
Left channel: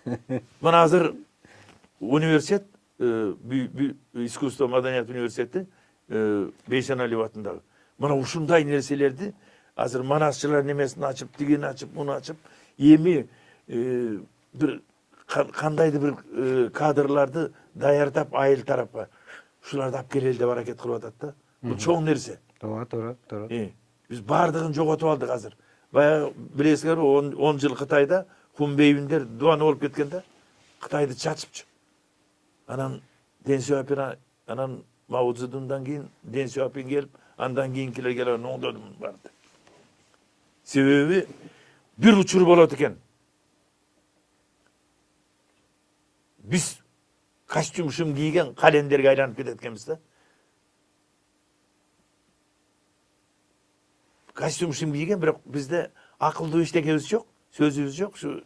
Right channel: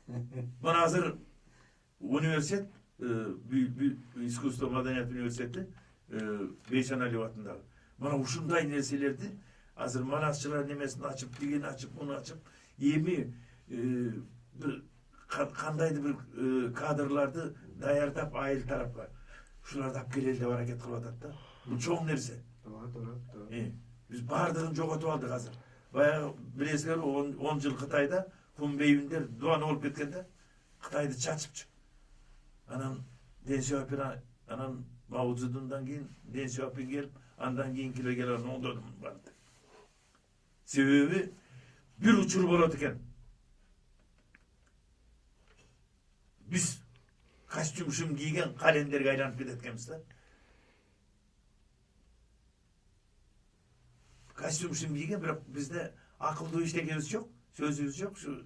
Мына азыр университет, искусство маданият университети, Бейсеналиев атындагы. Мына ушундай нерселерди азыр манасчылар немесин ачып, тигини ачып, муну ачып, эми бир кандайдыр бир кадрларды даярдап айыл тарапка ушуларды алып келели деп аракет кылып атат да. Бул чоң нерсе. Туура. Биз баардыгын жоготуп алдык азыр. Баягы билесиңерби, 10 жыл Кытайда Хунбейбиндер дуан болуп кеткен да. Кытайды чачыпчы. Анан Дэн Сяопин, анан Мао Цзэдундан кийин Дэн Сяопин келип, андан кийинкилер келип оңдоду барды. Себеби бир учур болот экен. Биз костюм кийген календерге айланып кетет экенбиз да. Костюм кийген, бирок бизде акылдуу иштекебиз жок, сөзүбүз жок. Ушу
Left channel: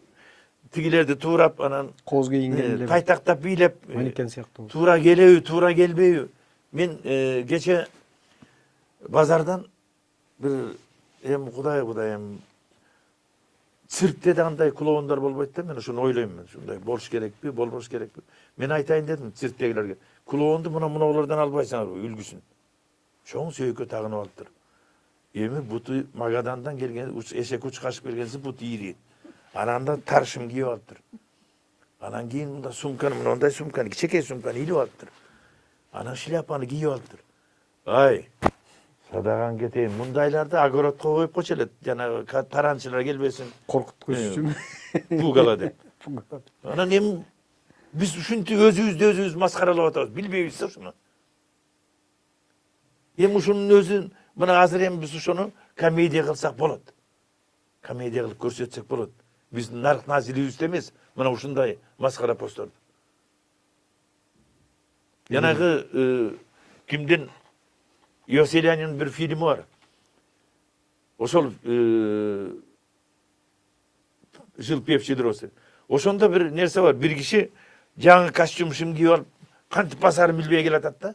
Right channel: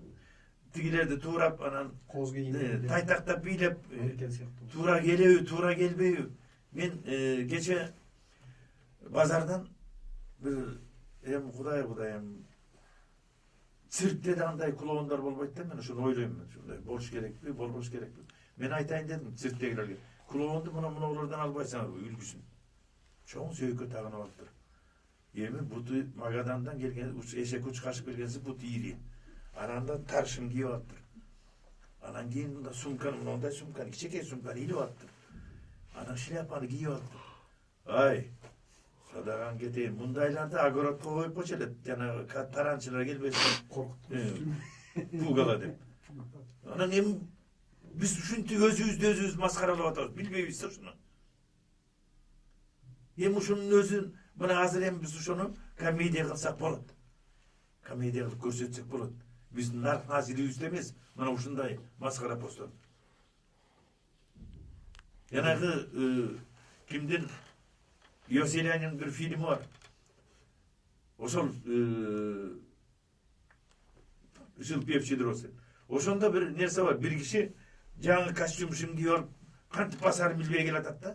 тигилерди туурап, анан Коз кийинген тайтактап бийлеп, манекен сыяктуу. туура келеби, туура келбейби. Мен кече базардан бир кудай эми циркте да андай клоундор болбойт да, мен ошону ойлойм. Мен ушундай болуш керекпи, болбош керекпи? Мен айтайын дедим цирктегилерге. Клоунду мунулардан албайсыңарбы, үлгүсүн. Чоң сөйкө тагынып алыптыр. Эми буту Магадандан келген, эшек учкашып келгенси буту ири. Анан таршым кийип алыптыр. Анан кийин мында сумканы, мындай сумканы, кичекей сумканы илип алыптыр. Анан шляпаны кийип алыптыр. Ай, садаган кетейин. Мындайларды огородко коюп койчу эле, жанагы таранчылар келбесин, Коркуткуч үчүн. пугала деп. Анан эми биз ушинтип өзүбүздү маскаралап атабыз, билбейбиз ушуну. Эми ушунун өзүн, мына азыр эми биз ошону комедия кылсак болот. Комедия кылып көрсөтсөк болот. Биздин нарк назилибизде эмес, мына ушундай маскара посторду. Жанагы кимдин Йоселянин бир фильми бар. Ошол Жил певчий дрозд. Ошондо бир нерсе бар. Бир киши жаңы костюм кийип алып, кантип басарын билбей келатат да.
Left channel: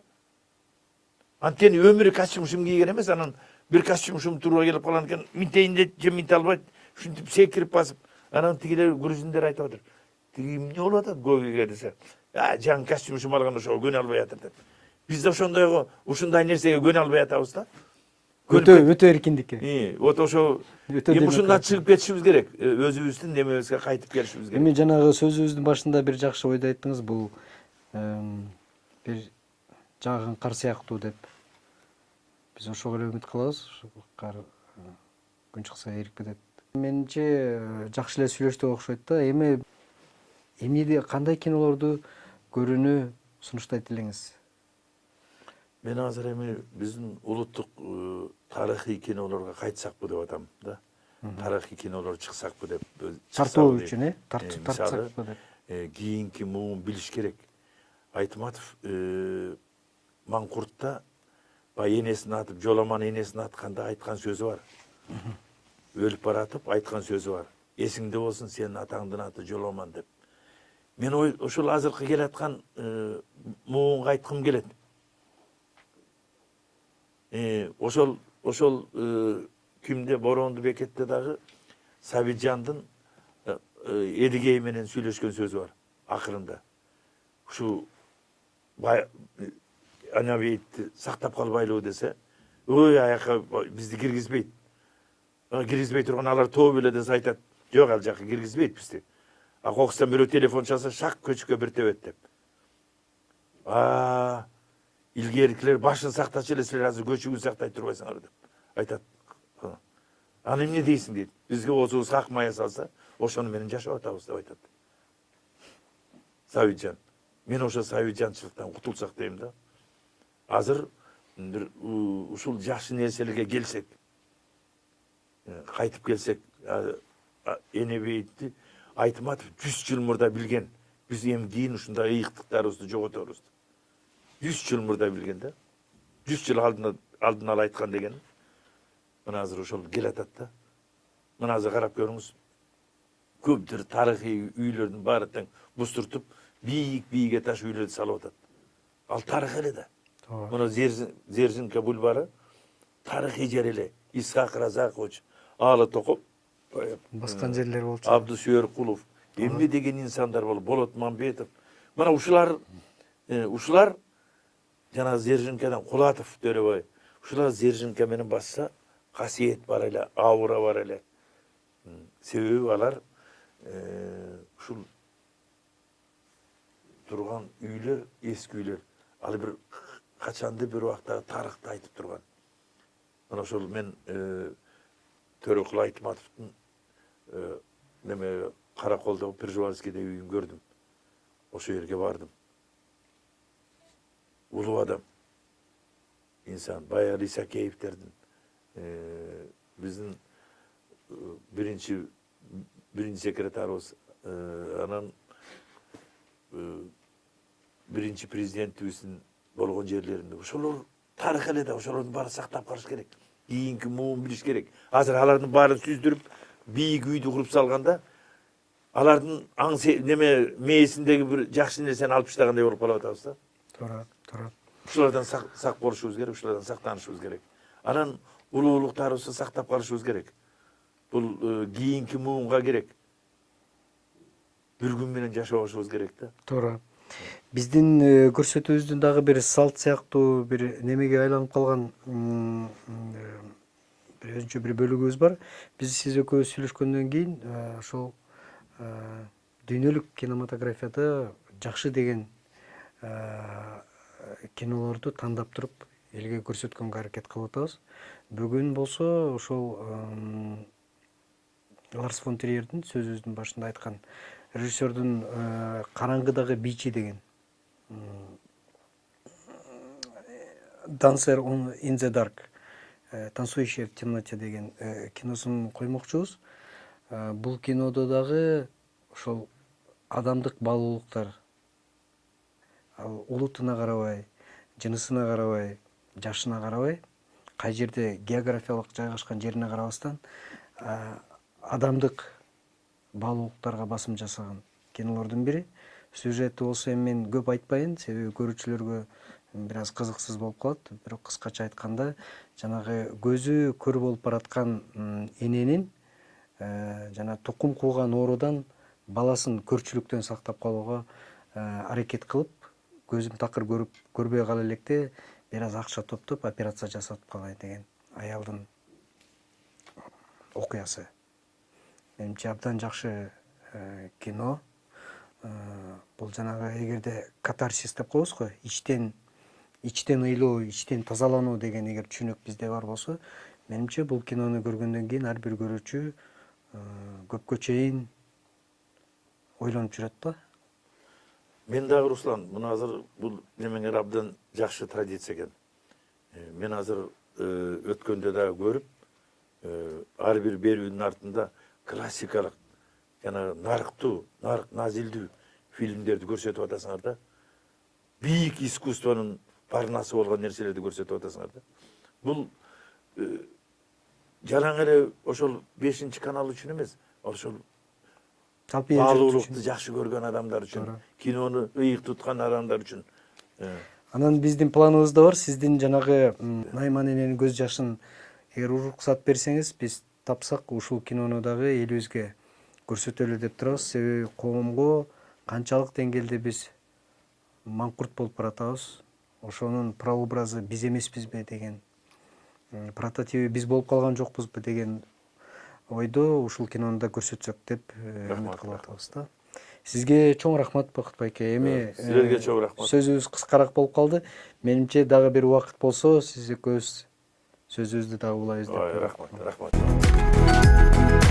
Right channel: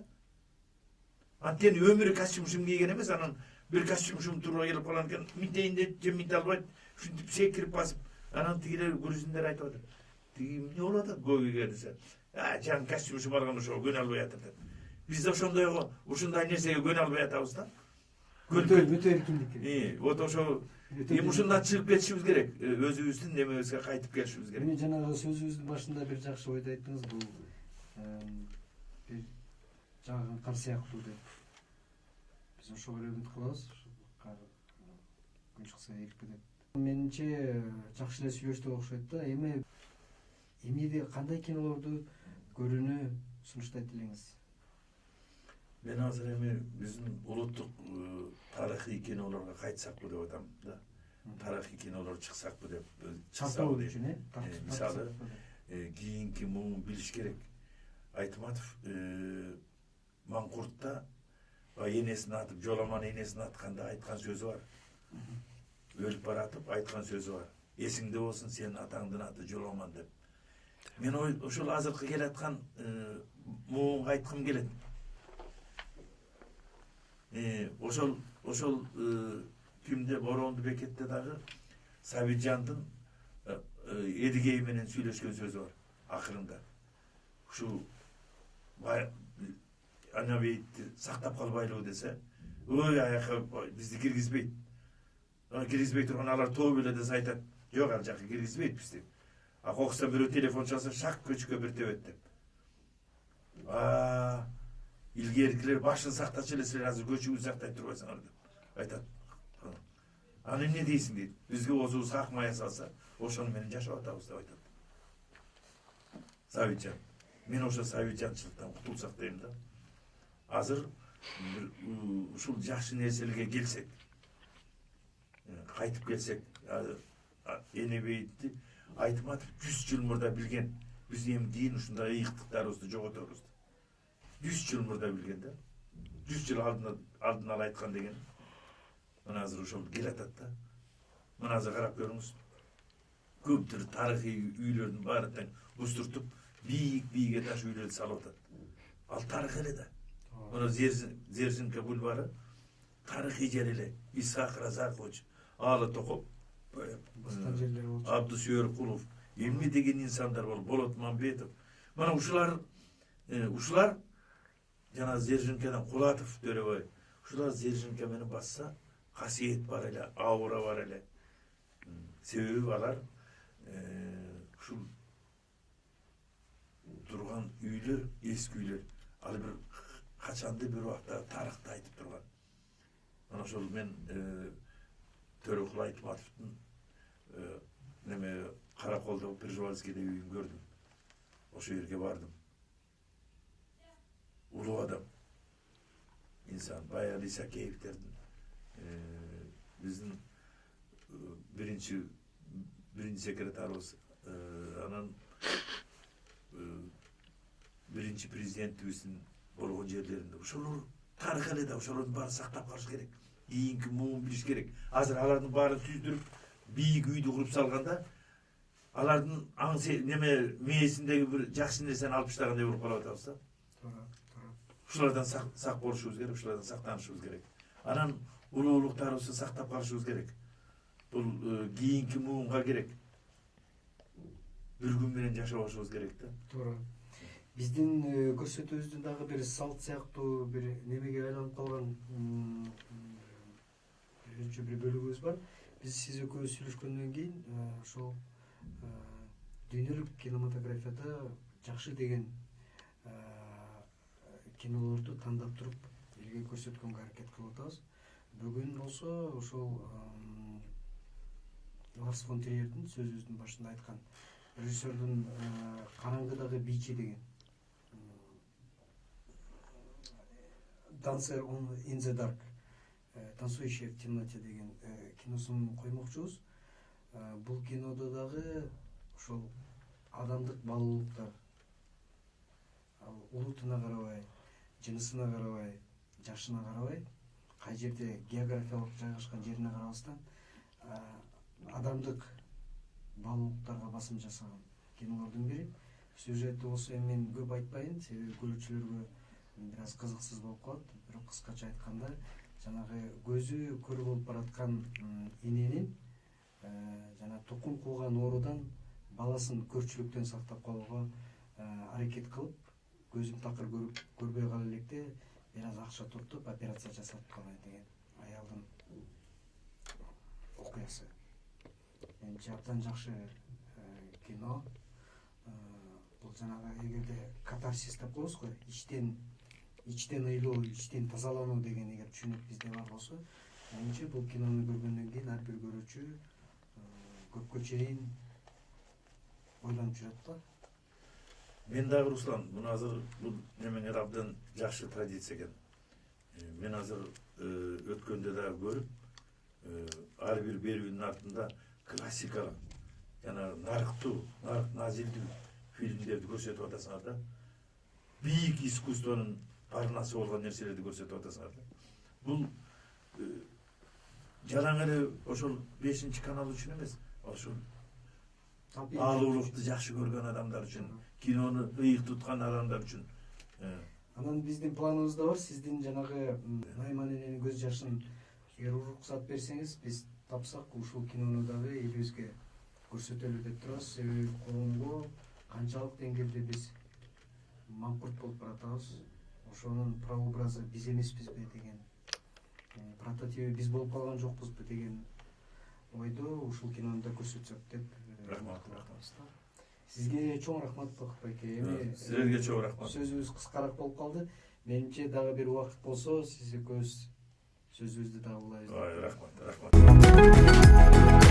Антени өмүрү костюм кийген эмес, анан бир костюм туура келип калган экен, минтейин деп же минте албайт, ушинтип секирип басып, анан тигилер грузиндер айтып атат. Тиги эмне болуп атат гогиге десе, жаңы костюм алган ошого көнө албай атат деп. Биз да ушундай нерсеге көнө албай атабыз да. Өтө эркиндик. Вот ошо эми ушундан чыгып кетишибиз керек. Өзүбүздүн немебизге кайтып келишибиз керек. Эми жанагы сөзүбүздүн башында бир жакшы ойду айттыңыз, бул бир жагын кар сыяктуу деп. Биз ошого эле үмүт кылабыз. Кар күн чыкса эрип кетет. Менимче жакшы эле сүйлөштүк окшойт да. Эмне кандай кинолорду көрүүнү сунуштайт элеңиз? Мен азыр эми биздин улуттук тарыхый кинолорго кайтсакпы деп атам да. Тарыхый кинолор чыксакпы деп. Тартуу үчүн, Мисалы, тартсакпы деп. Кийинки муун билиш керек. Айтматов Маңкуртта баягы энесин атып, жоламан энесин атканда айткан сөзү бар. Өлүп баратып айткан сөзү бар. Эсиңде болсун сенин атаңдын аты Жоламан деп. Мен ошол азыркы келаткан муунга айткым келет. Ошол кимде Боронду бекетте дагы Сабитжандын Эдигей менен сүйлөшкөн сөзү бар акырында. Ушу Анабейтти сактап калбайлыбы десе, ой аяка бизди киргизбейт. Киргизбей турган алар тоо беле десе айтат, жок ал жака киргизбейт бизди. А кокустан бирөө телефон чалса шак көчкө бир тебет деп. Илгеркилер башын сактачу эле, силер азыр көчүгү сактай турбайсыңар деп айтат. Аны эмне дейсиң дейт. Бизге оозубуз какмая салса, ошону менен жашап атабыз деп айтат. Сабитжан. Мен ошо Сабитжанчылыктан кутулсак дейм да. Азыр бир ушул жакшы нерселерге келсек, кайтып келсек, Энебейтти Айтматов 100 жыл мурда билген. Биз эми кийин ушундай ыйыктыктарыбызды жоготорбуз. 100 жыл мурда билген да. 100 жыл алдын ала айткан деген. Мына азыр ошол келатат да. Мына азыр карап көрүңүз. Көптөр тарыхый үйлөрдүн баары тең бустуртуп, бийик этаж үйлөрдү салып атат. Ал тарых эле да. Мына Зерзинка бульвары тарыхый жер эле. Исхак Разакович, Алы Токоп, Баскан жерлер болчу. Абдусүйөркулов, эмне деген инсандар болуп, Болот Мамбетов. Мына ушулар жана Зержинкадан Кулатов Төрөбай. Ушулар Зержинка менен басса, касиет бар эле, аура бар эле. Себеби алар ушул турган үйлөр, эски үйлөр. Ал бир качанды бир убакта тарыхты айтып турган. Мына ошол мен Төрөкул Айтматовдун неме Караколдо Пржевальскийде үйүн көрдүм. Ошол жерге бардым. Улуу адам. Инсан баягы Исакеевтердин биздин биринчи секретарыбыз, анан биринчи президентибиздин болгон жерлеринде. Ошолор тарых эле да, ошолордун баарын сактап калыш керек. Кийинки муун билиш керек. Азыр алардын баарын сүздүрүп, бийик үйдү куруп салганда, алардын мээсиндеги бир жакшы нерсени алып таштагандай болуп калып атабыз да. Туура. Ушулардан сак болушубуз керек, ушулардан сактанышыбыз керек. Анан улуулуктарыбызды сактап калышыбыз керек. Бул кийинки муунга керек. Бир күн менен жашабашыбыз керек да. Туура. Биздин көрсөтүүбүздүн дагы бир салт сыяктуу бир немеге айланып калган бир өзүнчө бир бөлүгүбүз бар. Биз сиз экөөбүз сүйлөшкөндөн кийин ошол дүйнөлүк кинематографияда жакшы деген кинолорду тандап туруп элге көрсөткөнгө аракет кылып атабыз. Бүгүн болсо ошол Ларс фон Триердин сөзүбүздүн башында айткан режиссердун Караңгыдагы бийчи деген Dancer in the Dark, танцующий в темноте деген киносун коймокчубуз. Бул кинодо дагы ошол адамдык баалуулуктар, улутуна карабай, жынысына карабай, жашына карабай, кай жерде географиялык жайгашкан жерине карабастан адамдык баалуулуктарга басым жасаган кинолордун бири. Сюжети болсо эми мен көп айтпайын, себеби көрүүчүлөргө бир аз кызыксыз болуп калат. Бирок кыскача айтканда, жанагы көзү көр болуп бараткан эненин жана тукум кууган оорудан баласын көрчүлүктөн сактап калууга аракет кылып, көзүн такыр көрбөй кала электе бир аз акча топтоп операция жасатып калай деген аялдын окуясы. Менимче абдан жакшы кино. Бул жанагы эгерде катарсис деп коебуз го, ичтен ыйлоо, ичтен тазалануу деген эгер түшүнүк бизде бар болсо, менимче бул кинону көргөндөн кийин ар бир көрүүчү көпкө чейин ойлонуп жүрөт да. Мен дагы Руслан, мына азыр бул немеңер абдан жакшы традиция экен. Мен азыр өткөндө дагы көрүп, ар бир берүүнүн артында классикалык жана нарыктуу, нарык назилдүү фильмдерди көрсөтүп атасыңар да. Бийик искусствонун барнасы болгон нерселерди көрсөтүп атасыңар да. Бул жалаң эле ошол 5 канал үчүн эмес, ошол баалуулукту жакшы көргөн адамдар үчүн, кинону ыйык туткан адамдар үчүн. Анан биздин планыбызда бар, сиздин жанагы Найман эненин көз жашын эгер уруксат берсеңиз, биз тапсак ушул кинону дагы элибизге көрсөтөлү деп турабыз. Себеби коомго канчалык деңгээлде биз маңкурт болуп баратабыз, ошонун прообразы биз эмеспизби деген, прототиби биз болуп калган жокпузбу деген ойдо ушул кинону да көрсөтсөк деп үмүт кылып атабыз да. Сизге чоң рахмат Бакыт байке. Эми силерге чоң рахмат. Сөзүбүз кыскараак болуп калды. Менимче дагы бир убакыт болсо, сиз экөөбүз сөзүбүздү дагы улайбыз деп. Рахмат.